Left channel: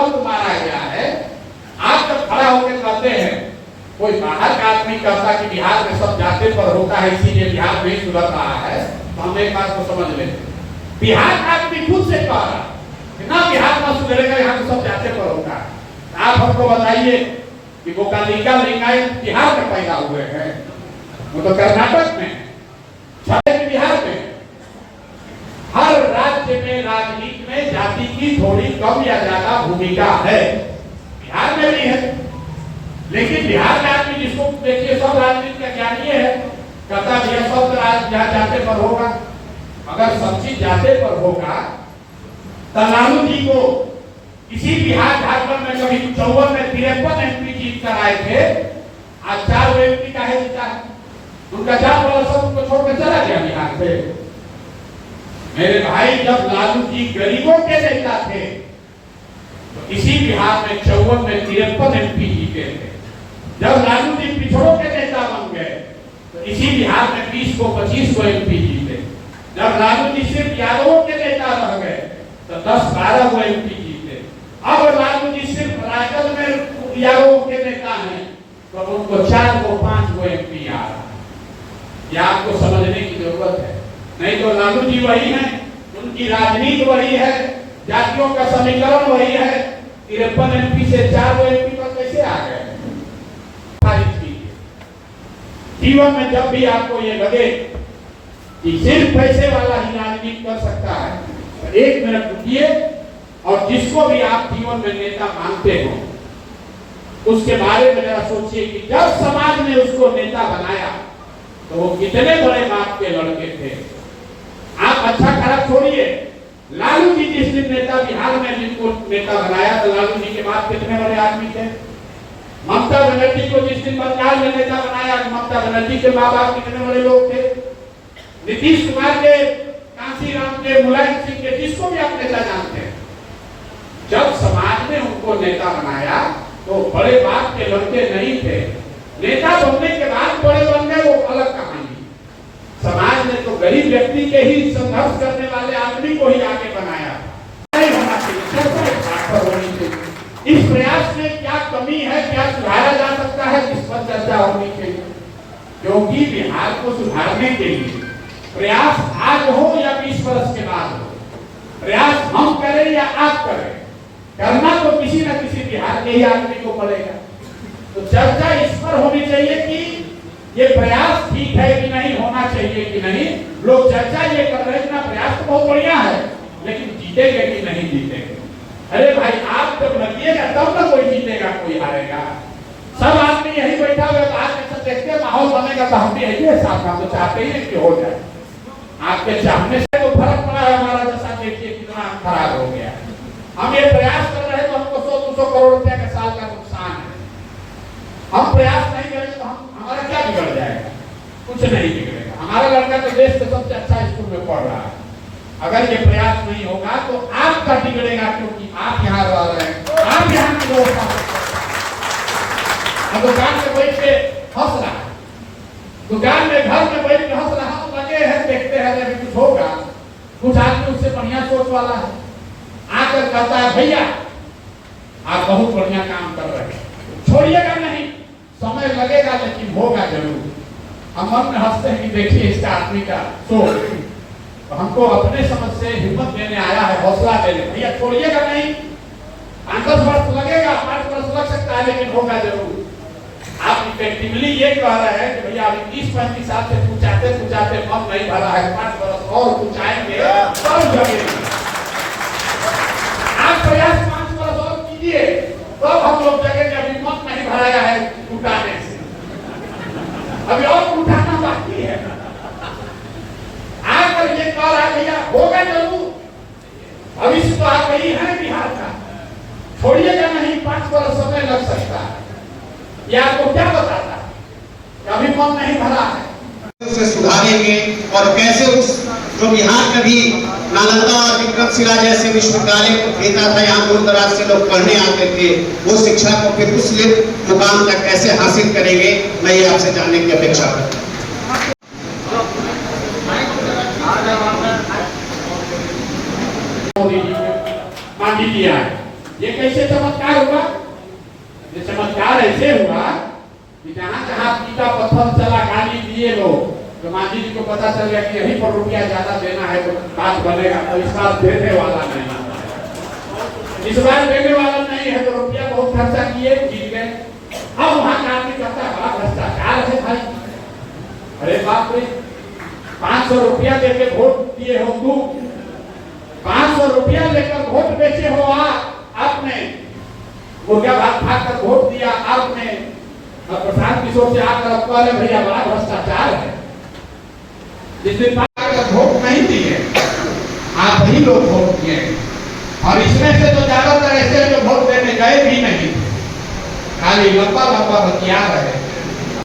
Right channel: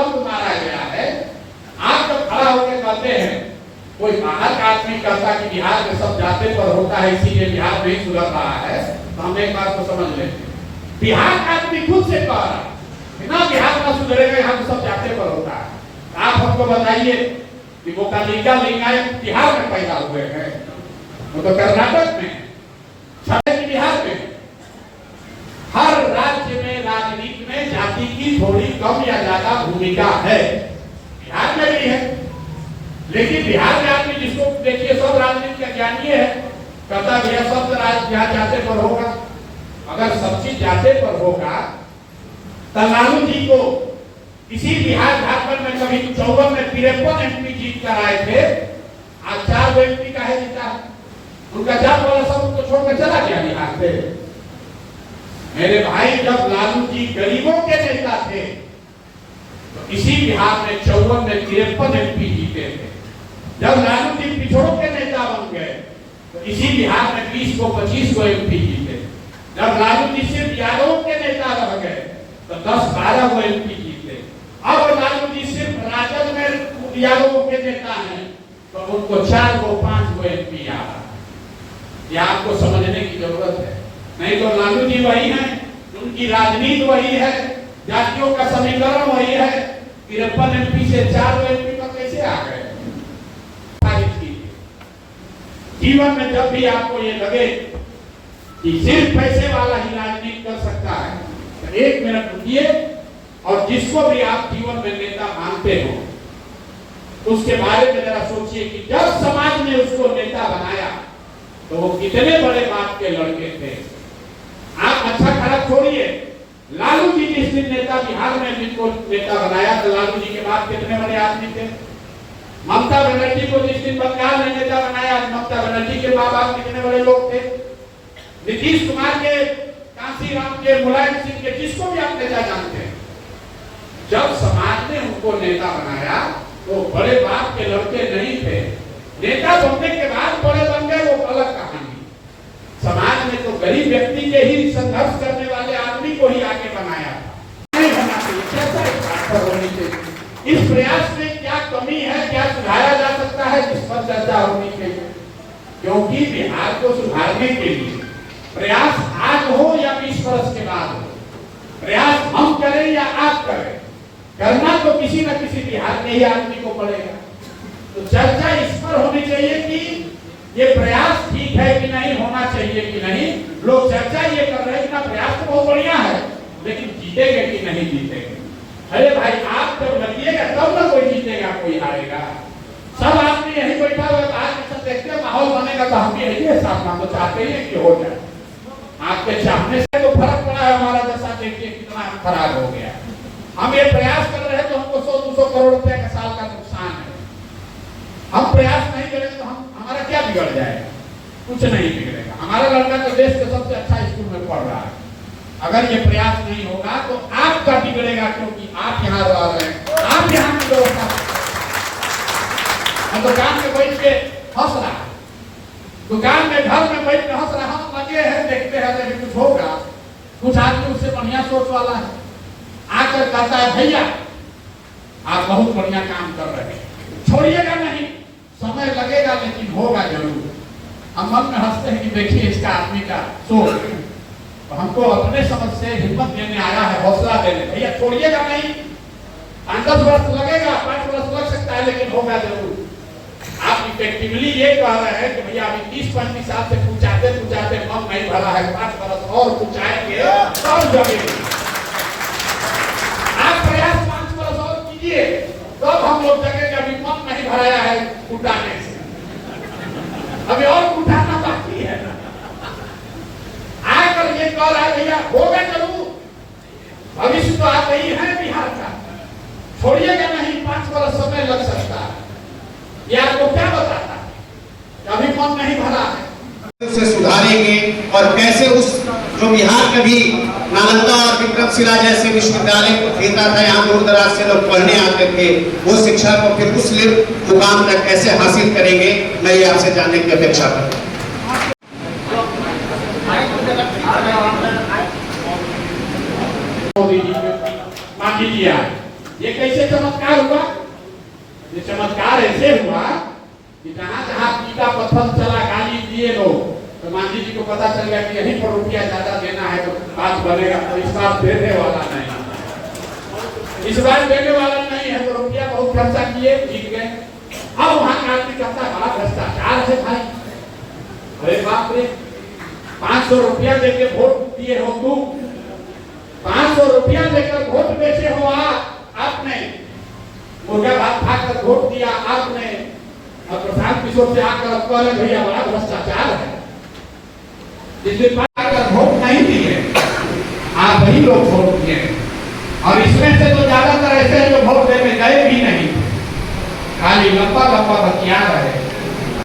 महत्व मारा गया है। आप जब खड़ा होकर कहते हैं, कोई बाहर का आदमी कहता कि बिहार में सब जाते पर होता है इसीलिए बिहार नहीं सुधर रहा है, तो हम एक बात को समझ लेते हैं। बिहार का आदमी खुद से कह रहा है ना बिहार में सुधरेगा, यहाँ तो सब जाते पर होता है। आप हमको बताइए कि वो कालिका लिंगायत बिहार में पैदा हुए हैं, वो तो कर्नाटक में, बिहार में। हर राज्य में राजनीति में जाति की थोड़ी कम या ज्यादा भूमिका है, बिहार में भी है। लेकिन बिहार में आदमी जिसको देखिए सब राजनीति का ज्ञानी है, कहता भैया सब जाते पर होगा। अगर सब चीज जाते पर होगा तो लालू जी को इसी बिहार झारखंड में कभी 54 में 53 एमपी जीत कर आए थे, आज 4 एमपी का है जीता है। उनका जात वाला सब उनको छोड़कर चला गया बिहार से। मेरे भाई, जब लालू जी गरीबों के नेता थे तो इसी बिहार में 54 में 53 एमपी जीते थे। जब लालू जी पिछड़ों के नेता बन गए तो इसी बिहार में 20 को 25 को एमपी जीते। जब लालू जी सिर्फ यादवों के नेता रह गए तो 10-12 को एमपी जीते। अब लालू जी सिर्फ राजद में यादवों के नेता हैं तो उनको 4 को 5 को एमपी आ रहा है। यह आपको समझने की जरूरत है। नहीं तो लालू जी वही हैं, उनकी राजनीति वही है, जातियों का समीकरण वही है। 53 एमपी से 4 एमपी पर कैसे आ गए? जीवन में जब भी आपको ये लगे कि सिर्फ पैसे वाला ही राजनीति कर सकता है तो 1 मिनट रुकिए और जिसको भी आप जीवन में नेता मानते हो उसके बारे में जरा सोचिए कि जब समाज ने उसको नेता बनाया तो वो कितने बड़े बाप के लड़के थे। आप अच्छा खराब छोड़िए, लालू जी जिस दिन नेता बिहार में जिनको नेता बनाया तो लालू जी के बाद कितने बड़े आदमी थे। ममता बनर्जी को जिस दिन बंगाल में नेता बनाया, ममता बनर्जी के माँ बाप कितने बड़े लोग थे। नीतीश कुमार के, कांसीराम के, मुलायम सिंह के, जिसको भी आप नेता जानते हैं, जब समाज ने उनको नेता बनाया तो बड़े बाप के लड़के नहीं थे। नेता बनने के बाद बड़े बन गए, वो अलग कहानी। समाज ने तो गरीब व्यक्ति के ही संघर्ष करने वाले आदमी को ही आगे बनाया। नहीं होना चाहिए, चर्चा होनी चाहिए। इस प्रयास में क्या कमी है, क्या सुधारा जा सकता है, जिस पर चर्चा होनी चाहिए। क्योंकि बिहार को सुधारने के लिए प्रयास आज हो या 20 वर्ष के बाद हो, प्रयास हम करें या आप करें, करना तो किसी न किसी बिहार के ही आदमी को पड़ेगा। तो चर्चा इस पर होनी चाहिए कि ये प्रयास ठीक है कि नहीं, होना चाहिए कि नहीं। लोग चर्चा ये कर रहे हैं ना, प्रयास तो बहुत बढ़िया है, लेकिन जीतेंगे कि नहीं जीतेंगे। अरे भाई, आप जब लगिएगा तब ना कोई जीतेगा कोई हारेगा। सब आदमी यही बैठा हुआ बाहर कैसे देखते हैं, माहौल बनेगा तो हम भी यही साथ हम तो चाहते ही कि हो जाए। आपके चाहने से तो फर्क पड़ा है, हमारा जैसा देखिए कितना खराब हो गया। हम ये प्रयास कर रहे हैं तो हमको 100-200 करोड़ रुपए का साल का नुकसान है। हम प्रयास नहीं करेंगे तो हमारा क्या बिगड़ जाएगा? कुछ नहीं बिगड़ेगा। हमारा लड़का तो देश के सबसे अच्छा स्कूल में पढ़ रहा है। अगर ये प्रयास नहीं होगा तो आपका बिगड़ेगा, क्योंकि आप यहाँ रह रहे हैं, आप यहाँ की व्यवस्था। दुकान में बैठ के हंस रहा है, दुकान में घर में बैठ के हंस रहा, हम लगे हैं देखते हैं जब कुछ होगा। कुछ आदमी उससे बढ़िया सोच वाला है, आकर कहता है भैया आप बहुत बढ़िया काम कर रहे हैं, छोड़िएगा नहीं, समय लगेगा लेकिन होगा जरूर। हम मन में हंसते हैं कि देखिए इसका आदमी का सोच। तो हमको अपने समझ से हिम्मत देने आया है, हौसला देने, भैया छोड़िएगा नहीं, 5-10 वर्ष लगेगा, 5 वर्ष लग सकता है, लेकिन होगा जरूर। आप इफेक्टिवली ये कह रहे हैं कि भैया अभी 30-35 साल से पूछाते मन नहीं भरा है, 5 वर्ष और पूछाएंगे और जगेंगे। आप प्रयास 5 वर्ष और कीजिए तो हम लोग जगेंगे। अभी मन नहीं भराया है उठाने से, अभी और उठाना बाकी है। आकर ये कह रहा है भैया होगा जरूर, भविष्य तो आप ही है बिहार का, छोड़िएगा नहीं, 5 वर्ष समय लग सकता है। ये आपको क्या बताता है? अभी मन नहीं भरा है, उसे सुधारेंगे और कैसे उस जो बिहार में भी नालंदा और विक्रमशिला जैसे विश्वविद्यालय को भेजा था, यहाँ दूर दराज से लोग पढ़ने आते थे, वो शिक्षा को फिर उस मुकाम तक कैसे हासिल करेंगे, मैं ये आपसे जानने की अपेक्षा करता हूँ। ये कैसे चमत्कार हुआ? ये चमत्कार ऐसे हुआ कि जहां जहां पीटा पत्थर चला गाली दिए लोग, तो मांझी जी को पता चल गया कि यहीं पर रुपया ज्यादा देना है तो बात बनेगा, तो इस बार देने वाला नहीं, इस बार देने वाला नहीं है, तो रुपया बहुत खर्चा किए, जीत गए। अब वहां का आदमी कहता बड़ा भ्रष्टाचार है भाई, अरे बाप रे, 500 रुपया देके वोट दिए हो तू, 500 रुपया लेकर वोट बेचे हो आपने, मुर्गा भात खाकर वोट दिया आपने, और प्रशांत किशोर से आकर अब कह रहे भैया बड़ा भ्रष्टाचार है। जिस दिन आकर वोट नहीं दिए, आप ही लोग वोट दिए, और इसमें से तो ज्यादातर ऐसे जो वोट देने गए भी नहीं, खाली लंबा लंबा बतिया रहे।